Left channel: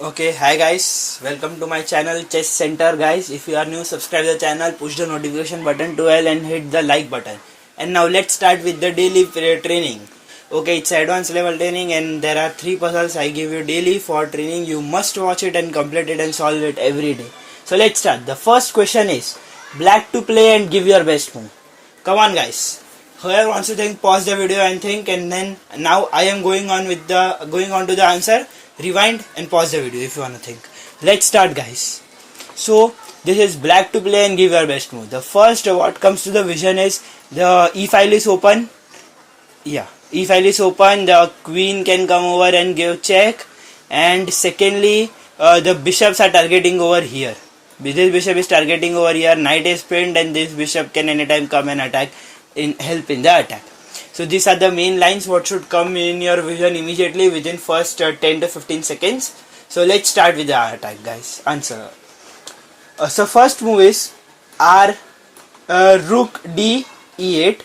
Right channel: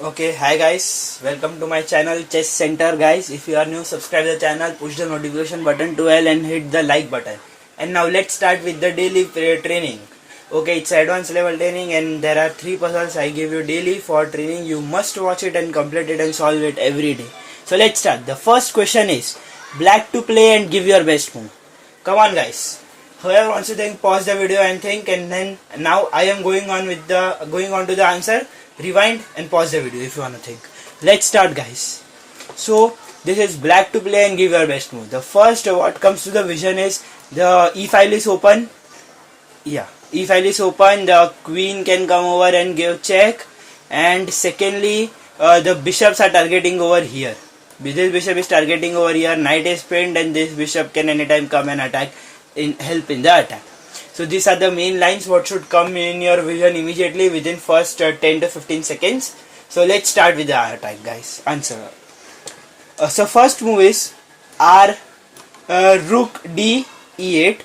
Okay, hi guys, welcome to my channel Chess Center guys. If you are new, subscribe the channel, push the notification button to all and hit the like button. And now let's start with the daily training. Okay, it's advanced level training and there are 3 puzzles I give you daily for training. You must watch it and complete it and solve it every day. So let's start. The first question is black to play and give your best move. Come on guys. Whoever wants to think, pause the video and think, and then now I am going on to the answer. Rewind and pause the video if you want to think. Let's start guys. So this is black to play and give your best move. The first what comes to the vision is the e file is open. Yeah, e file is open. The queen can come over and give check, and secondly the bishops are targeting over here. This bishop is targeting over here. Knight is pinned and this bishop can anytime come and attack help in the attack. So these are the main lines what should come in your vision immediately within first 10 to 15 seconds. So let's start with the attack guys. Answer. So first move is R rook D E8.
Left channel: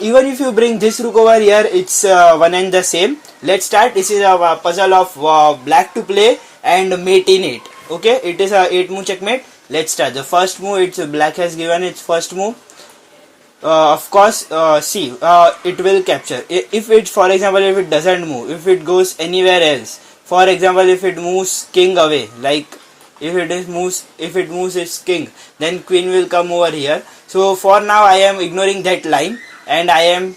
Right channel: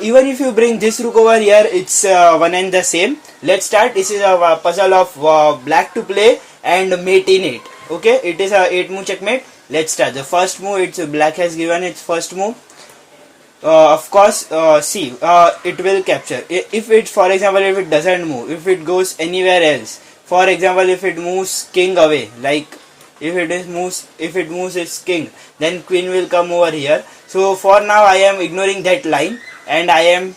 Even if you bring this rook over here, it's one and the same. Let's start. This is a puzzle of black to play and mate in 8. Okay, it is a 8 move checkmate. Let's start. The first move, it's black has given its first move. Of course, see, it will capture. If it, for example, if it doesn't move, if it goes anywhere else, for example, if it moves king away, like if it moves its king, then queen will come over here. So for now, I am ignoring that line, and I am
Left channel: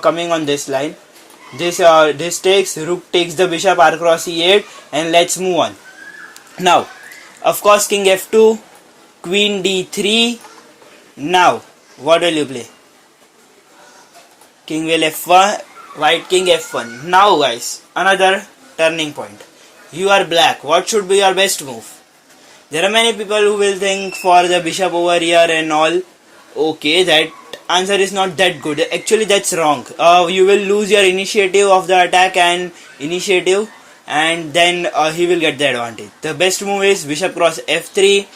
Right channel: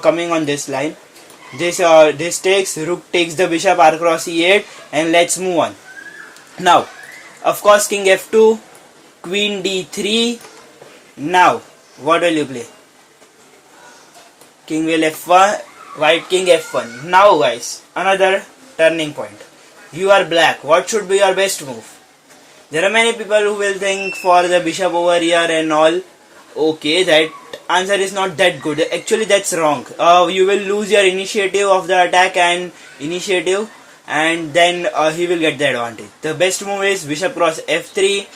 coming on this line. This takes rook takes the bishop r cross e8, and let's move on. Now, of course, king f2, queen d3. Now, what will you play? King will f1, white king f1. Now guys, another turning point. You are black. What should be your best move? There are many people who will think for the bishop over here and all. Okay, that answer is not that good. Actually, that's wrong. You will lose your initiative of the attack and then he will get the advantage. The best move is bishop cross f3.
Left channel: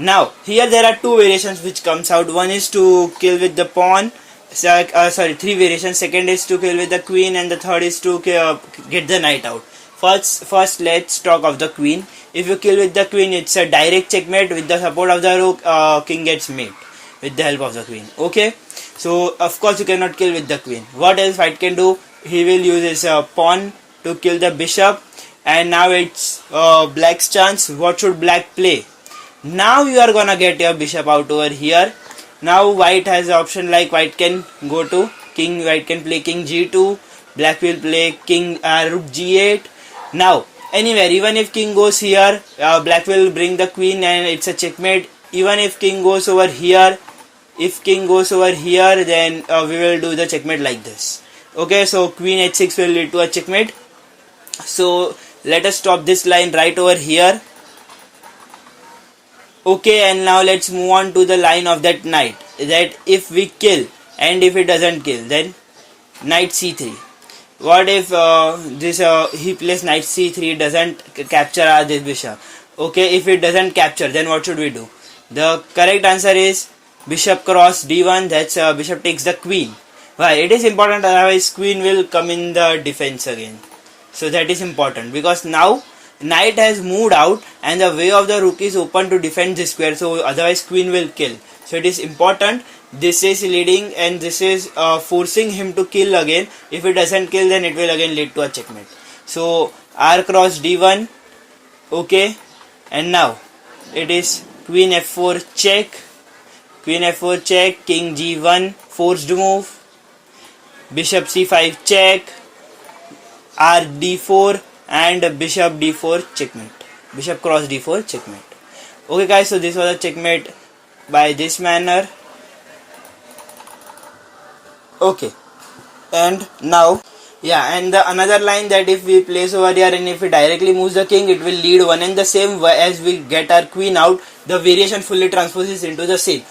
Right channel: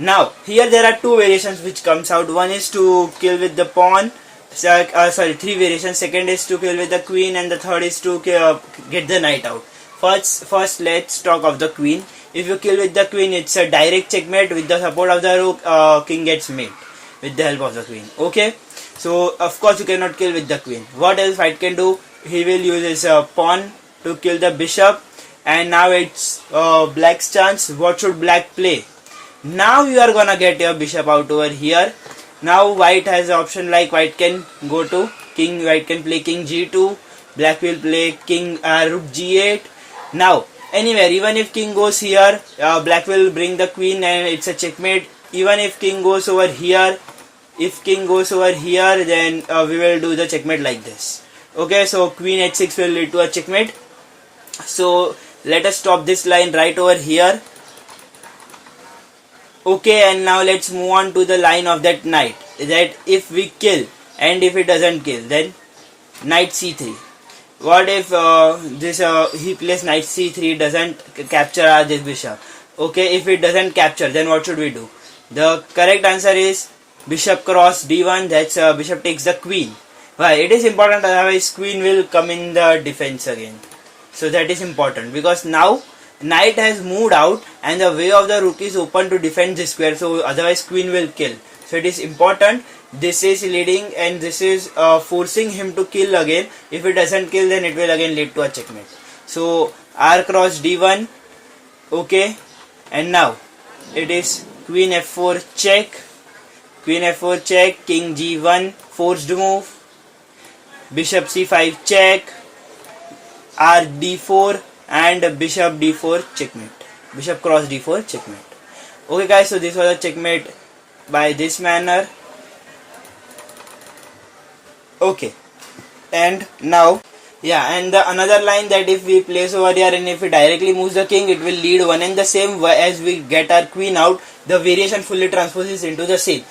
Now, here there are two variations which comes out. One is to kill with the pawn. Three variations. Second is to kill with the queen, and the third is to get the knight out. First, let's talk of the queen. If you kill with the queen, it's a direct checkmate. With the support of the rook, king gets mate with the help of the queen. Okay. So, of course, you cannot kill with the queen. What else white can do? He will use his pawn to kill the bishop. And now it's black's chance. What should black play? Now you are gonna get your bishop out over here. Now white has the option like white can go to king, white can play king g2, black will play king rook g8. Now anywhere, even if king goes here, black will bring the queen and it's a checkmate. Even if king goes over here, then we will do the checkmate like this. Okay, so queen h6 will lead to a checkmate. So let us stop this line right over here. Okay, and now let's move on to the line of that knight. That if we kill and if it doesn't kill, then knight c3. What if he plays knight c3 doesn't capture this bishop? Okay, if it doesn't capture, then what should we do? The correct answer is bishop cross d1. That's bishop takes the queen. Why? It is important, otherwise queen will come in the defense again. So that is important because now knight has moved out and the way of the rook is open to defend this square, so otherwise queen will kill. So it is important. This is leading and this is forcing him to kill again. If it doesn't kill, then it will again lead to a checkmate. So r cross d1. Okay, and now it is queen f4 check, king g1 forced move, bishop c5 check, r d4 and bishop d4 checkmate, bishop cross d4 checkmate. Okay guys, so this was a checkmate by this manner. Okay, and now and the another line that if we place over here and if we directly moves the king, it will lead one and the same. As we get our queen out, the variation fully transposes into the same.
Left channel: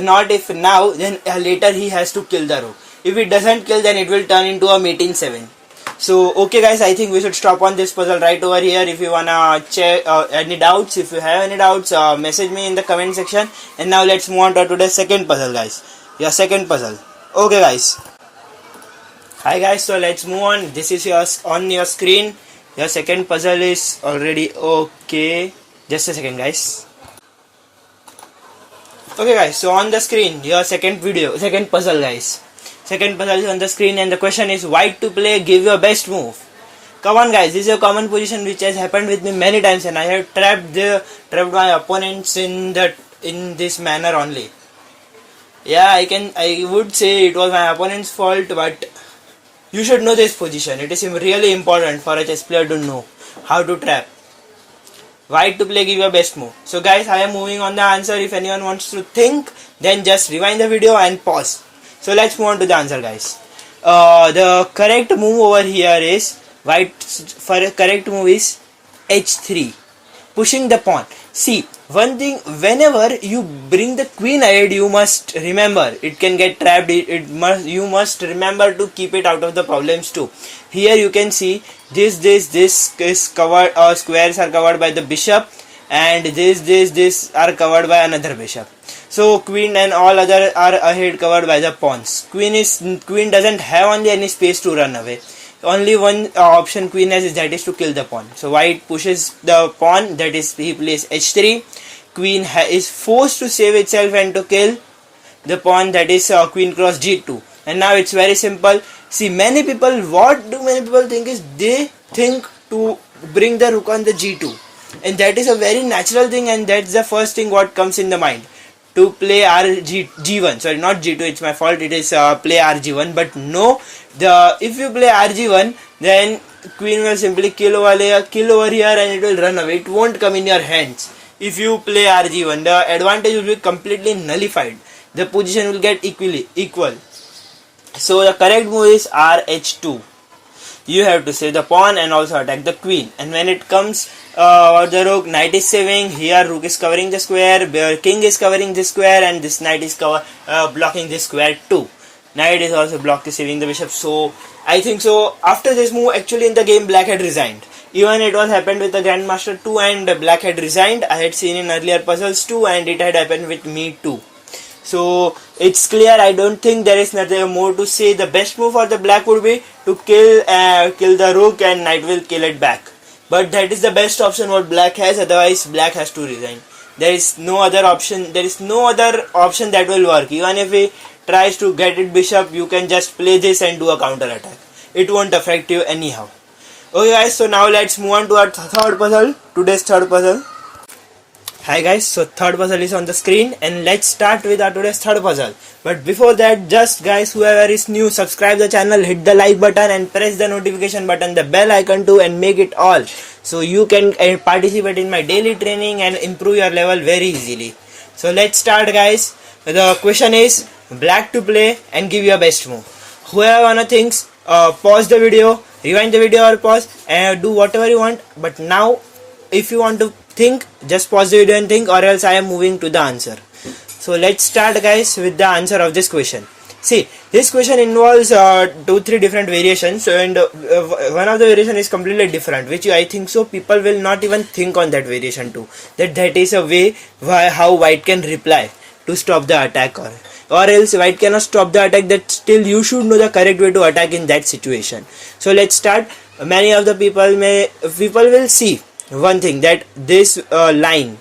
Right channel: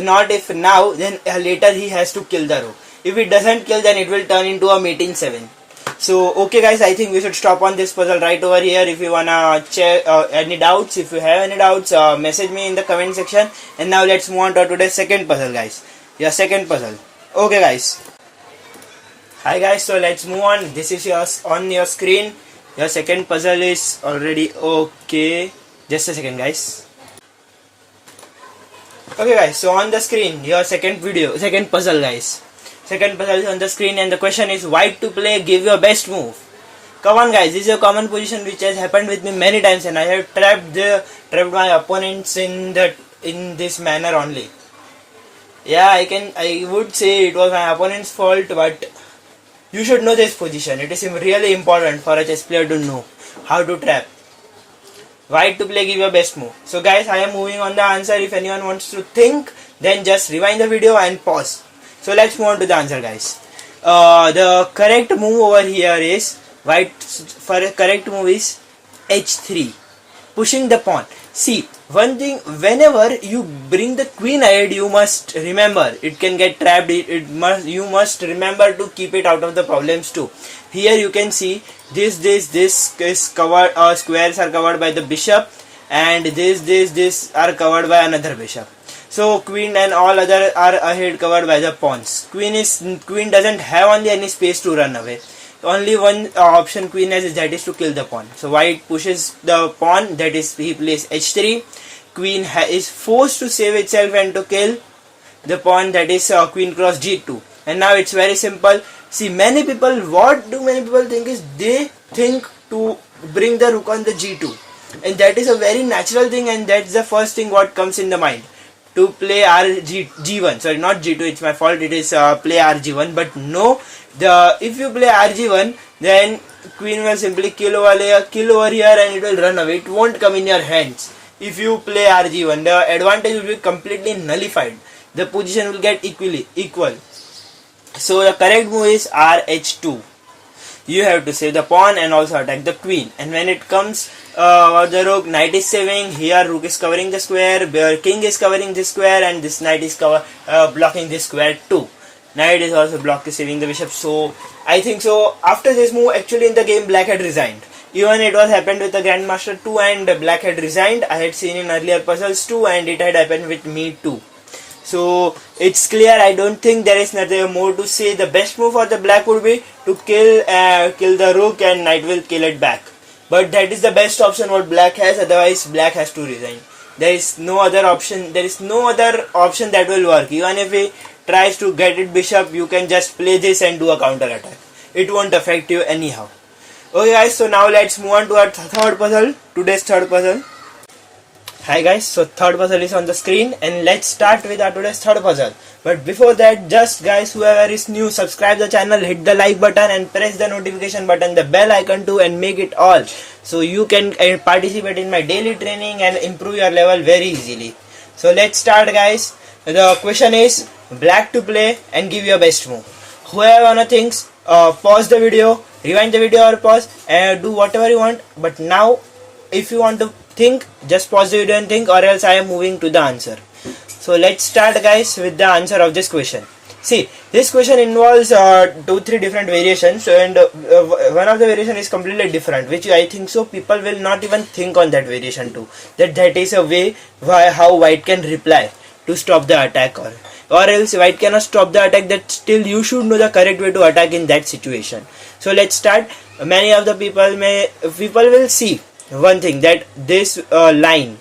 Not if now, then later he has to kill the rook. If it doesn't kill, then it will turn into a mate in 7. So okay guys, I think we should stop on this puzzle right over here. If you wanna check any doubts, if you have any doubts, message me in the comment section. And now let's move on to today's second puzzle guys. Your second puzzle. Okay guys. Hi guys, so let's move on. This is on your screen. Your second puzzle is already okay. Just a second, guys. Okay, guys, so on the screen, your second puzzle, guys. Second puzzle is on the screen, and the question is white to play, give your best move. Come on, guys, this is a common position which has happened with me many times, and I have trapped my opponents in this manner only. Yeah, I would say it was my opponent's fault, but you should know this position. It is really important for a chess player to know how to trap. White to play, give your best move. So guys, I am moving on the answer. If anyone wants to think, then just rewind the video and pause. So let's move on to the answer, guys. The correct move over here is correct move is h3, pushing the pawn. See, one thing, whenever you bring the queen ahead, you must remember it can get trapped. You must remember to keep it out of the problems too. Here you can see this is covered, squares are covered by the bishop, and this are covered by another bishop. So queen and all other are ahead covered by the pawns. Queen doesn't have only any space to run away. Only one option queen has, that is to kill the pawn. So white pushes the pawn, that is he plays h3. Queen is forced to save itself and to kill the pawn, that is queen cross g2. And now it's very simple. See, what do many people think is, they think to bring the rook on the g2, and that is a very natural thing, and that's the first thing what comes in the mind, to play g1. Sorry, not g2, it's my fault, it is play rg1. But no, if you play rg1, then queen will simply kill over here and it will run away. It won't come in your hands. If you play rg1, the advantage will be completely nullified. The position will get equal. So the correct move is rh2. You have to save the pawn and also attack the queen. And when it comes the rook, knight is saving. Here rook is covering the square, king is covering this square, and this knight is blocking this square too. Knight is also saving the bishop. So I think so. After this move, actually in the game, black had resigned. Even it was happened with the Grandmaster too, and black had resigned. I had seen in earlier puzzles too, and it had happened with me too. So it's clear. I don't think there is nothing more to say. The best move for the black would be to kill the rook, and knight will kill it back. But that is the best option what black has. Otherwise, black has to resign. There is no other option. There is no other option that will work. Even if he tries to get it bishop, you can just play this and do a counter attack. It won't affect you anyhow. Okay, guys. So now let's move on to our third puzzle. Today's third puzzle. Hi guys, so third puzzle is on the screen, and let's start with our today's third puzzle. But before that, just guys, whoever is new, subscribe the channel, hit the like button and press the notification button, the bell icon too, and make it all, so you can participate in my daily training and improve your level very easily. So let's start, guys. The question is black to play and give your best move. Whoever wanna thinks, pause the video, rewind the video or pause, and do whatever you want. But now, if you want to think, just pause the video and think, or else I am moving to the answer. So let's start, guys, with the answer of this question. See, this question involves 2-3 different variations, and one of the variation is completely different, which I think so people will not even think on that variation too. That is a way how white can reply to stop the attack, or else white cannot stop the attack. That still you should know the correct way to attack in that situation. So let's start. Many of the people will see one thing, that this line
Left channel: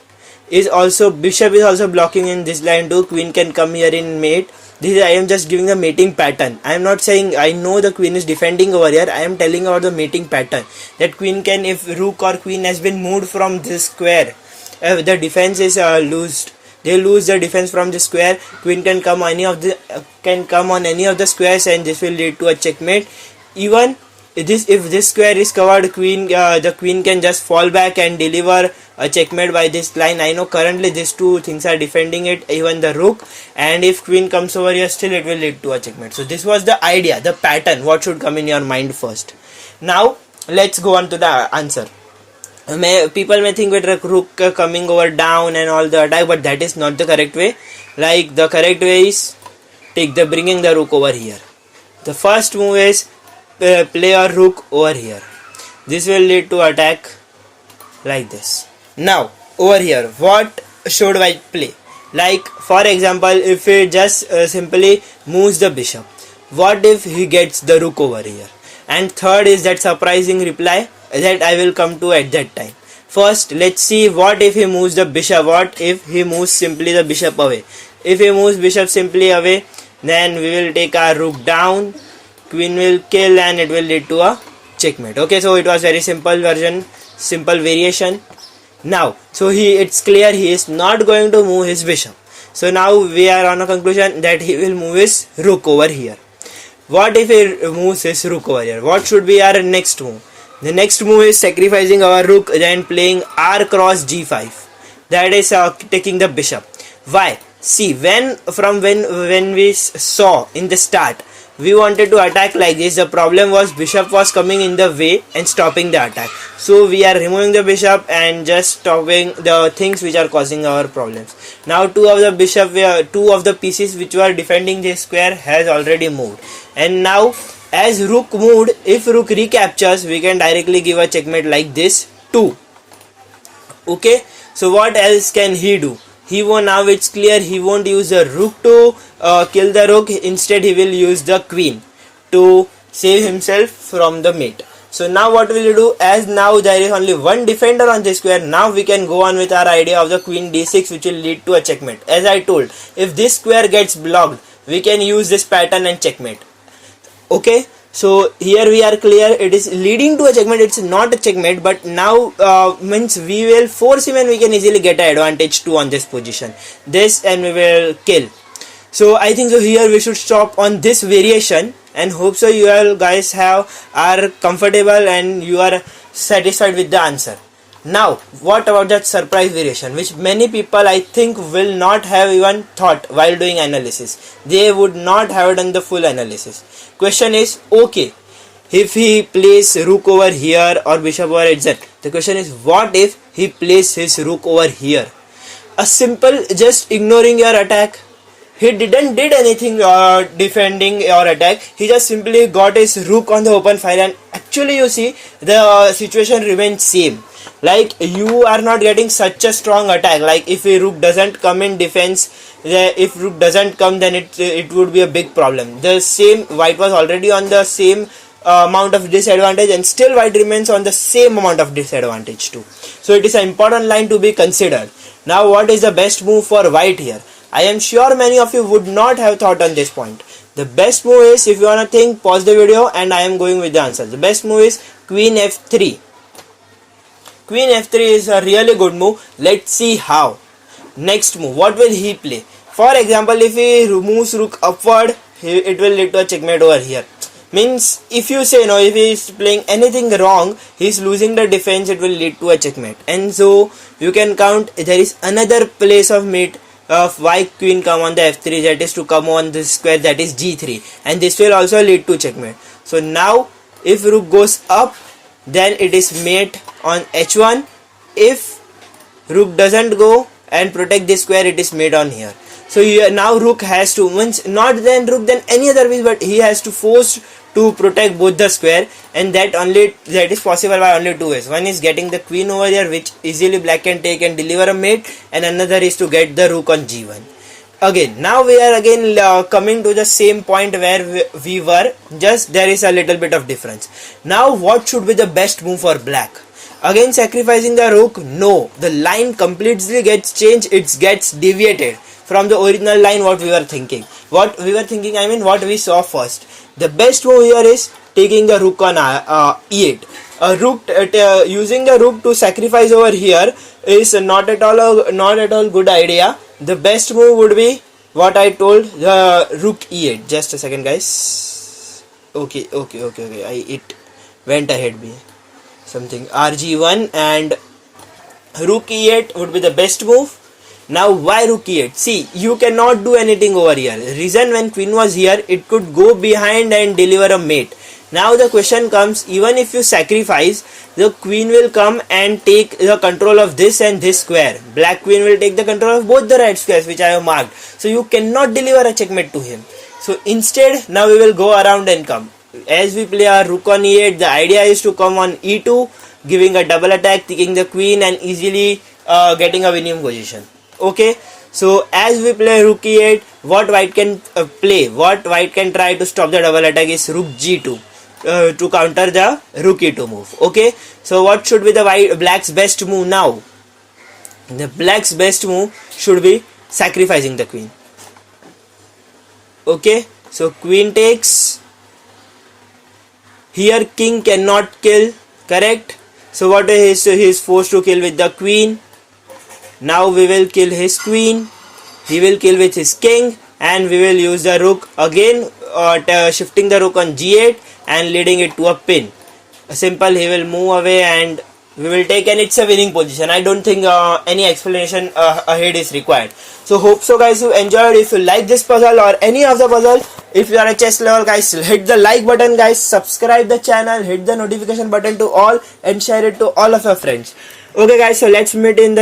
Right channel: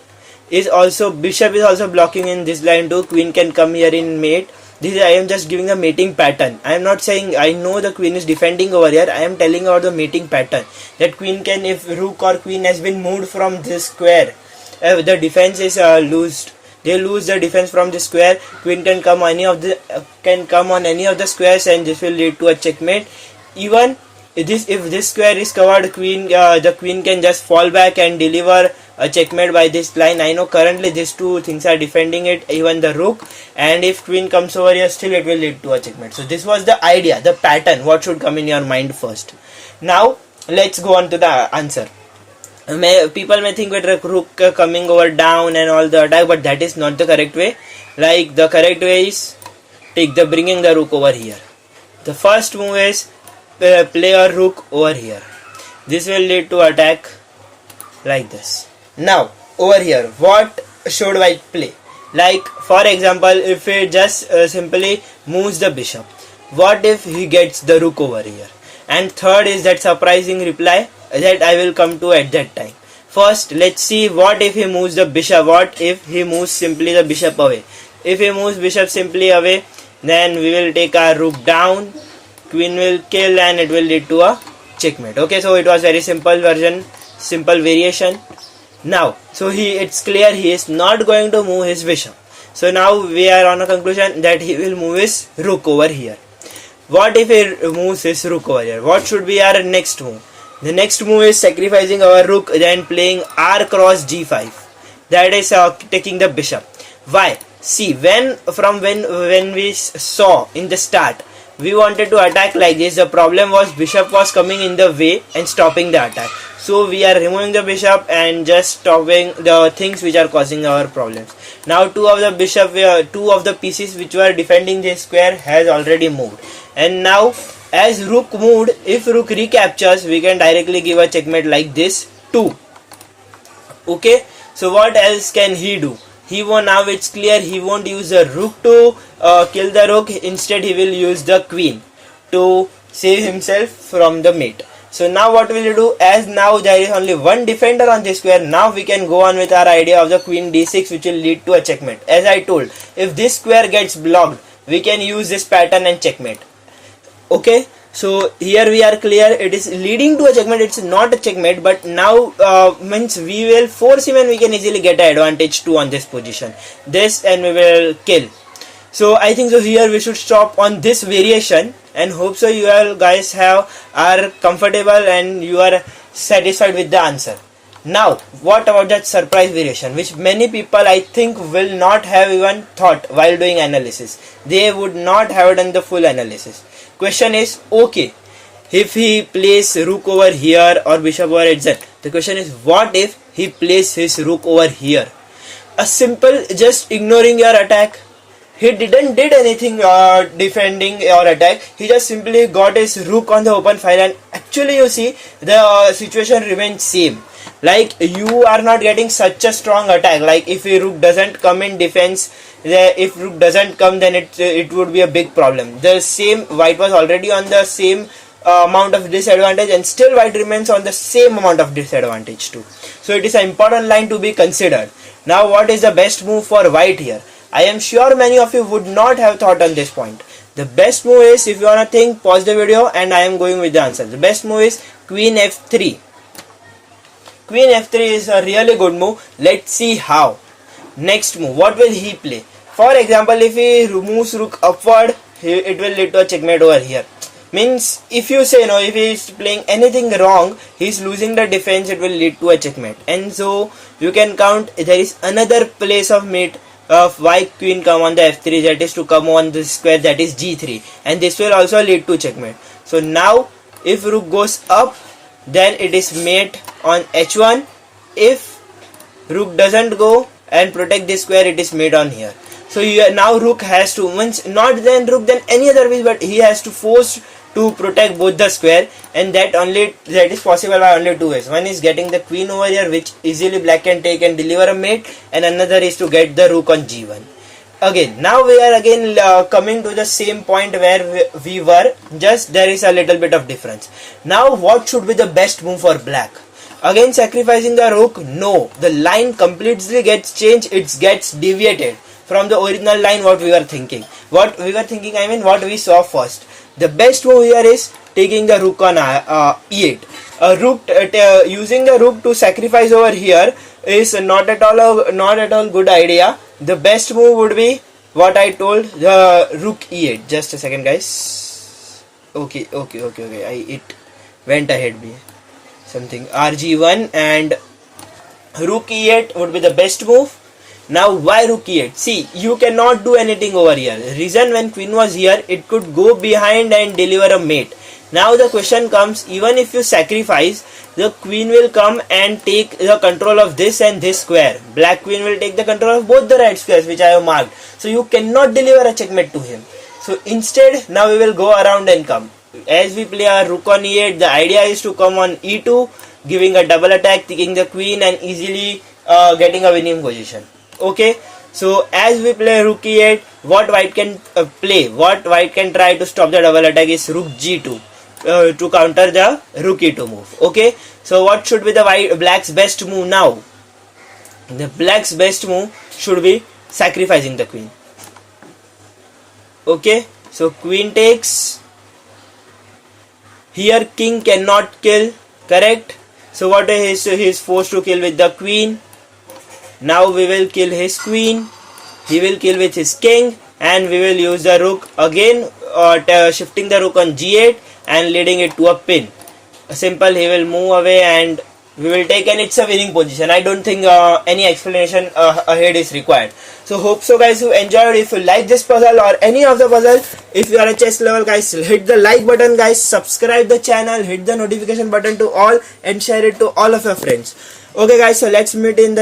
is also, bishop is also blocking in this line too. Queen can come here in mate. This I am just giving a mating pattern. I am not saying I know the queen is defending over here. I am telling about the mating pattern, that queen can, if rook or queen has been moved from this square, if the defense is loosed, they lose the defense from the square. Queen can come on any of the squares, and this will lead to a checkmate. Even if this square is covered, the queen can just fall back and deliver a checkmate by this line. I know currently these two things are defending it, even the rook, and if queen comes over here, still it will lead to a checkmate. So this was the idea, the pattern, what should come in your mind first. Now let's go on to the answer. People may think with rook coming over down and all the attack, but that is not the correct way. Like, the correct way is bringing the rook over here. The first move is play a rook over here. This will lead to attack like this. Now over here, what should white play? Like, for example, if he just simply moves the bishop, what if he gets the rook over here? And third is that surprising reply, that I will come to at that time. First, let's see what if he moves the bishop, what if he moves simply the bishop away. If he moves bishop simply away, then we will take our rook down, queen will kill, and it will lead to a checkmate. Okay, so it was very simple version, simple variation. Now, so it's clear he is not going to move his bishop. So now we are on a conclusion that he will move his rook over here. What if he moves his rook over here? What should be our next move? The next move is sacrificing our rook, then playing r cross g5. That is taking the bishop. Why? See, when we saw in the start, we wanted to attack like this. The problem was bishop was coming in the way and stopping the attack. So we are removing the bishop and just stopping the things which are causing our problems. Now two of the pieces which were defending this square has already moved. And now as rook moved, if rook recaptures, we can directly give a checkmate like this too. Okay, so what else can he do? Now it's clear he won't use the rook to kill the rook. Instead he will use the queen to save himself from the mate. So now what will you do? As now there is only one defender on this square, now we can go on with our idea of the queen d6, which will lead to a checkmate. As I told, if this square gets blocked, we can use this pattern and checkmate. Okay, so here we are clear, it is leading to a checkmate. It's not a checkmate, but now means we will force him and we can easily get an advantage too on this position, this, and we will kill. So I think so here we should stop on this variation, and hope so you all guys are comfortable and you are satisfied with the answer. Now what about that surprise variation, which many people I think will not have even thought while doing analysis. They would not have done the full analysis. Question is, okay, if he plays rook over here or bishop over h, the question is, what if he plays his rook over here? A simple, just ignoring your attack. He didn't did anything defending your attack. He just simply got his rook on the open file, and actually you see the situation remains same. Like, you are not getting such a strong attack. Like, if a rook doesn't come in defense, if rook doesn't come, then it would be a big problem. The same, white was already on the same amount of disadvantage, and still white remains on the same amount of disadvantage too. So it is an important line to be considered. Now what is the best move for white here? I am sure many of you would not have thought on this point. The best move is, if you wanna think, pause the video and I am going with the answer. The best move is queen f3. Queen f3 is a really good move. Let's see how. Next move, what will he play? For example, if he moves rook upward, it will lead to a checkmate over here. Means, if you say no, if he is playing anything wrong, he is losing the defense, it will lead to a checkmate. And so you can count, there is another place of mate of why queen come on the f3, that is to come on this square, that is g3, and this will also lead to checkmate. So now if rook goes up, then it is mate on h1. If rook doesn't go and protect this square, it is mate on here. So now rook has to, once not then rook then any other way, but he has to force to protect both the square, and that is possible by only two ways. One is getting the queen over here, which easily black can take and deliver a mate, and another is to get the rook on g1. Again, now we are again coming to the same point where we were, just there is a little bit of difference. Now what should be the best move for black? Again sacrificing the rook? No, the line completely gets changed, it gets deviated from the original line what we were thinking. What we saw first. The best move here is taking the rook on e8. Using the rook to sacrifice over here is not at all good idea. The best move would be what I told, the rook e8. Just a second, guys. Okay. It went ahead me. Something rg1 and rook e8 would be the best move. Now why rook e8? See, you cannot do anything over here. Reason, when queen was here, it could go behind and deliver a mate. Now the question comes, even if you sacrifice, the queen will come and take the control of this and this square. Black queen will take the control of both the right squares which I have marked. So you cannot deliver a checkmate to him. So instead, now we will go around and come. As we play our rook on e8, the idea is to come on e2, giving a double attack, taking the queen and easily getting a winning position. Okay, so as we play rook e8, what white can play, what white can try to stop the double attack is rook g2. to counter the rook e2 move. Okay, so what should be the black's best move now? The black's best move should be sacrificing the queen. Okay, so queen takes. Here king cannot kill, correct? So what is he is forced to kill with the queen. Now we will kill his queen. He will kill with his king, and we will use the rook again, shifting the rook on g8 and leading it to a pin. Simple, he will move away and we will take, and it's a winning position. I don't think any explanation ahead is required. So hope so guys you enjoyed. If you like this puzzle or any of the puzzle, if you are a chess level guys, hit the like button guys, subscribe the channel, hit the notification button to all, and share it to all of your friends. Okay guys, so let's meet in the next